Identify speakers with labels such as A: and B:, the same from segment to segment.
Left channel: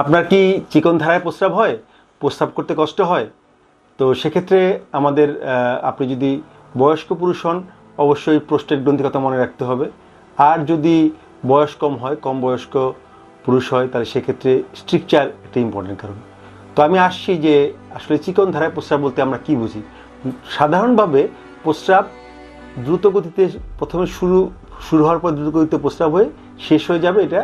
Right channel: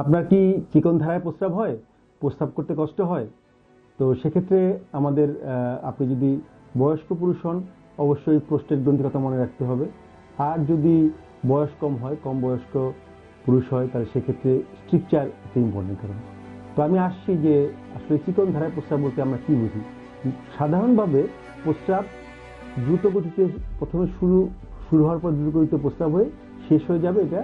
A: আপনার কি চিকন ধারায় প্রস্রাব হয়? প্রস্রাব করতে কষ্ট হয়? তো সেক্ষেত্রে আমাদের আপনি যদি বয়স্ক পুরুষ হন, অবশ্যই প্রস্টেট গ্রন্থির কথা মনে রাখতে হবে। আর যদি বয়স কম হয়, কম বয়স্ক পুরুষ হয়, তাহলে সেক্ষেত্রে স্ট্রিকচার একটা ইম্পর্টেন্ট কারণ। তো আমি আসছি যে আসলে চিকন ধারায় প্রস্রাব বলতে আমরা কি বুঝি? সাধারণভাবে প্রস্রাব দ্রুত গতিতে প্রথমে শুরু শুরু হওয়ার পর দ্রুত গতিতে প্রস্রাব হয়ে শেষ হয়ে যাবে। এটা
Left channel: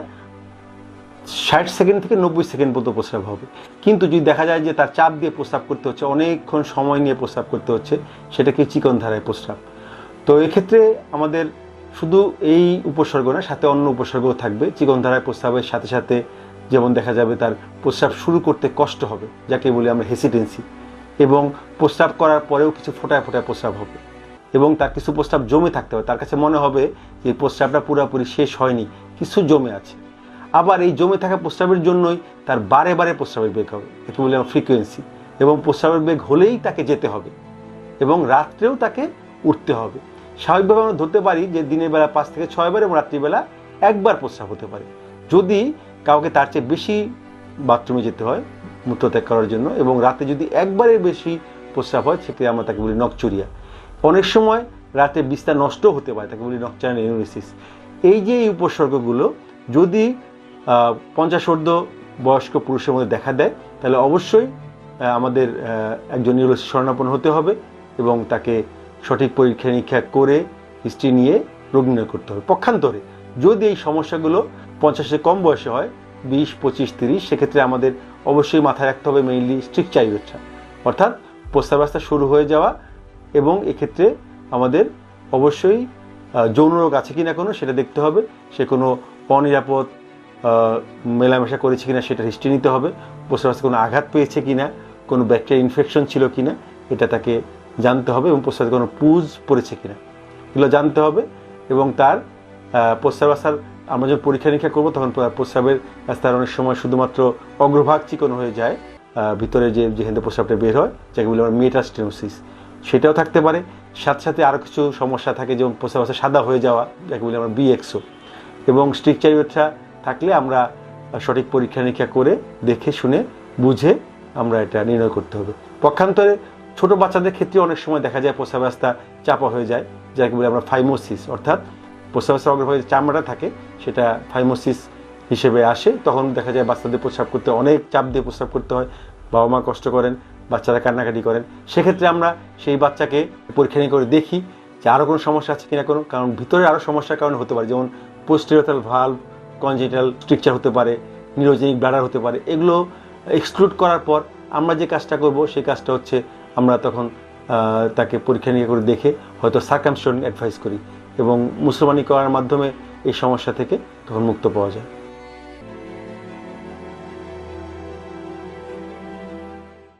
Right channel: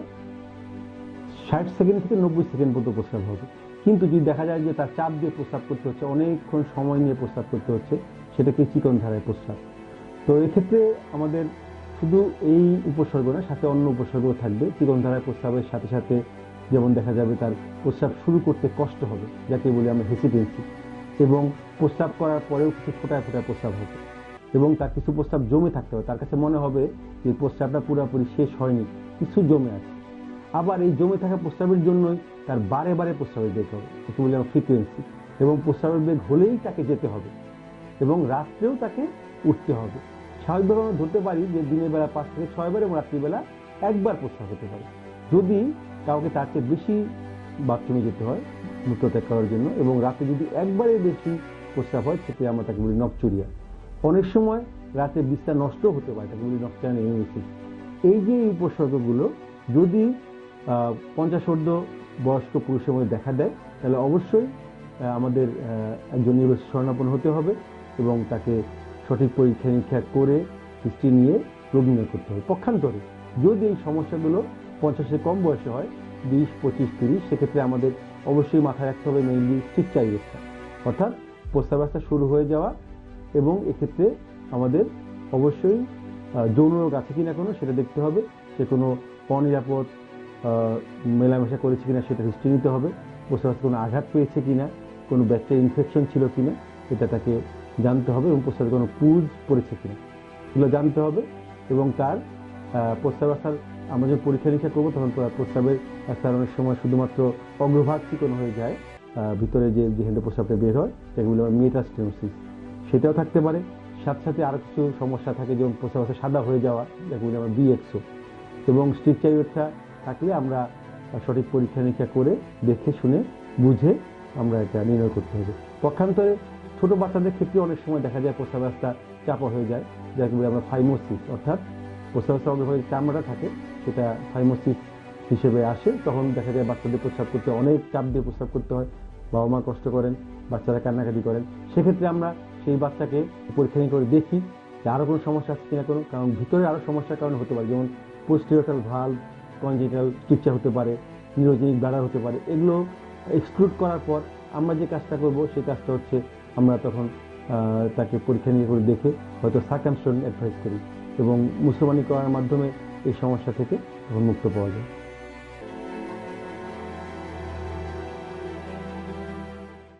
A: ষাট সেকেন্ড থেকে নব্বই সেকেন্ড পর্যন্ত প্রস্রাব হবে। কিন্তু যদি দেখা যায় যে তার চাপ দিয়ে প্রস্রাব করতে হচ্ছে, অনেকক্ষণ সময় নিয়ে প্রস্রাব করতে হচ্ছে, সেটাকে চিকন ধারায় প্রস্রাব। তো এক্ষেত্রে আমাদের শুধু এই উপসর্গ না সাথে অন্য উপসর্গও থাকবে। চিকন ধারায় প্রস্রাবের সাথে সাথে যেমন দেখা যাবে তার প্রস্রাব শুরু করতে কষ্ট হবে, যাকে বলি আমরা হেসিটেন্সি। এবং প্রস্রাব করার পরেও কিছু ফোটায় ফোটায় প্রস্রাব হবে। এবং তার কিছু প্রস্রাব জমে থাকতে হবে। তার কাছে মনে হবে যে প্রস্রাবটা পুরোপুরি শেষ হয়নি, কিছু জমে আছে। আবার এই জমে থাকা প্রস্রাবের জন্যই তার বারে বারে প্রস্রাবের বেগ হবে। একে বলি আমরা ফ্রিকোয়েন্সি এবং প্রস্রাবের বেগ হলেই তাকে যেতে হবে এবং রাত্রেও তাকে উঠতে হবে। স্বাভাবিকভাবে আমরা ধরতে পারি যে দিনের বেলা পাঁচ থেকে ছয়বার এবং রাত্রিবেলা একবার প্রস্রাব হতে পারে। যদি কাউকে তার চেয়ে বেশি বাথরুমে যেতে হয়, মূত্রত্যাগ করার জন্য এবং রাতে যদি একবারের বেশি প্রস্রাব হয়, সেক্ষেত্রে আমরা তাকে বলি নকচুরিয়া অনেক সময় রাতে বিস্তার নষ্ট হতে পারে, তাকে বলি নকচারান ইউনিসিস এই যে এই উপসর্গগুলো, যদি আহ, পঞ্চাশ ঊর্ধ্ব বয়স্ক পুরুষের মধ্যে দেখা দেয় তাহলে অবশ্যই আমাদের একজন নিউরোলজি শরণাপন্ন হতে হবে এবং তাকে সঠিক পরীক্ষা নিরীক্ষা করে হিস্ট্রি নিয়ে রোগ নির্ণয় করতে হবে। পক্ষান্তরে যদি এই সমস্যাগুলো পঞ্চাশের কম বয়সে হয় বিশ পঁচিশ তিরিশ সেক্ষেত্রে আমাদের অবশ্যই মাথায় রাখতে হবে মেইনলি স্ট্রিক্ট চাইরোচ্ছা অর্থাৎ প্রস্তাবাস্তা শুরু হয়ে যাওয়া এবং এক্ষেত্রে আমাদের অবশ্যই যৌন রোগ আছে কি না কোনো সেটা দেখতে হবে। সে কোনো অনিরাপদ মেলামেশা করেছে কিনা সেটা হিস্ট্রি নিতে হবে। প্রস্রাবাস্তা কোনো আঘাত পেয়েছে কিনা কোনো ব্যাকটেরিয়া ইনফেকশন ছিল কিনা এটা তাকে জানতে হবে এবং প্রস্রাবে কোনো পুজ পড়েছে কিনা। এগুলো জানতে হবে এবং তার আহ, প্রস্রাবাস্তার আমরা যখন পরীক্ষা নিরীক্ষা করব তখন প্র- প্রস্রাবের রাস্তার অনেক সময় শুধুমাত্র অগ্রভাগ চিকন হয়ে যায় ভিতরে যে যেখান থেকে প্রস্রাবটা বের হয় যাকে বলি আমরা মেটাস্টেনোসিস সেটাও থাকতে পারে। সাথে সাথে আরও কিছু সমস্যা থাকে যেমন প্রস্রাবাস্তা সাদা হয়ে যাওয়া যাকে বলি আমরা বিএক্সও এবং স্ট্রিকচারিওটা থাকলে আমরা সঠিক পরীক্ষা নিরীক্ষা করে দেখে শুনে বুঝে আমরা এটা নির্ণয় করতে হবে। পক্ষান্তরে ছোট বাচ্চাদের ক্ষেত্রে অনেক সময় দেখা যায় প্রস্রাব রাস্তা চাপা হয়ে যায় যাকে বলি আমরা ফাইমোসিস অর্থাৎ প্রস্রাব রাস্তার অগ্রভাগে যে চামড়াটা থাকে, সেটা ফাইমোসিস হিসেবে আসে। তখন দেখা যায় বাচ্চাদের প্রস্রাব করতে অনেক চাপ দিয়ে প্রস্রাব করতে হয়, বাবা মা কষ্ট করেন, বাচ্চারা কান্নাকাটি করেন। সেক্ষেত্রে আমরা সেই বাচ্চাকে পরীক্ষা করে দেখি যে আরও কোনো সমস্যা আছে কিনা কোনো, কারণ ভিতরে আরও সমস্যার কারণে হতে পারে। যেমন পোস্টেরিয়তাল ভাল্ব কনজেটাল স্ট্রিকচার হতে পারে নিউরোজেনিক ব্লাডার হতে পারে, এগুলো এক্সক্লুড করার পর আমরা যে কাজটা করব, সেই কাজটা হচ্ছে আমরা তখন তাকে পরীক্ষা নিয়ে করে দেখে হয়তো সার্কামস্টন অ্যাডভাইস করি এবং মুসলমানি করার মাধ্যমে এই সমস্যা থেকে তখন মুক্ত পাওয়া যায়।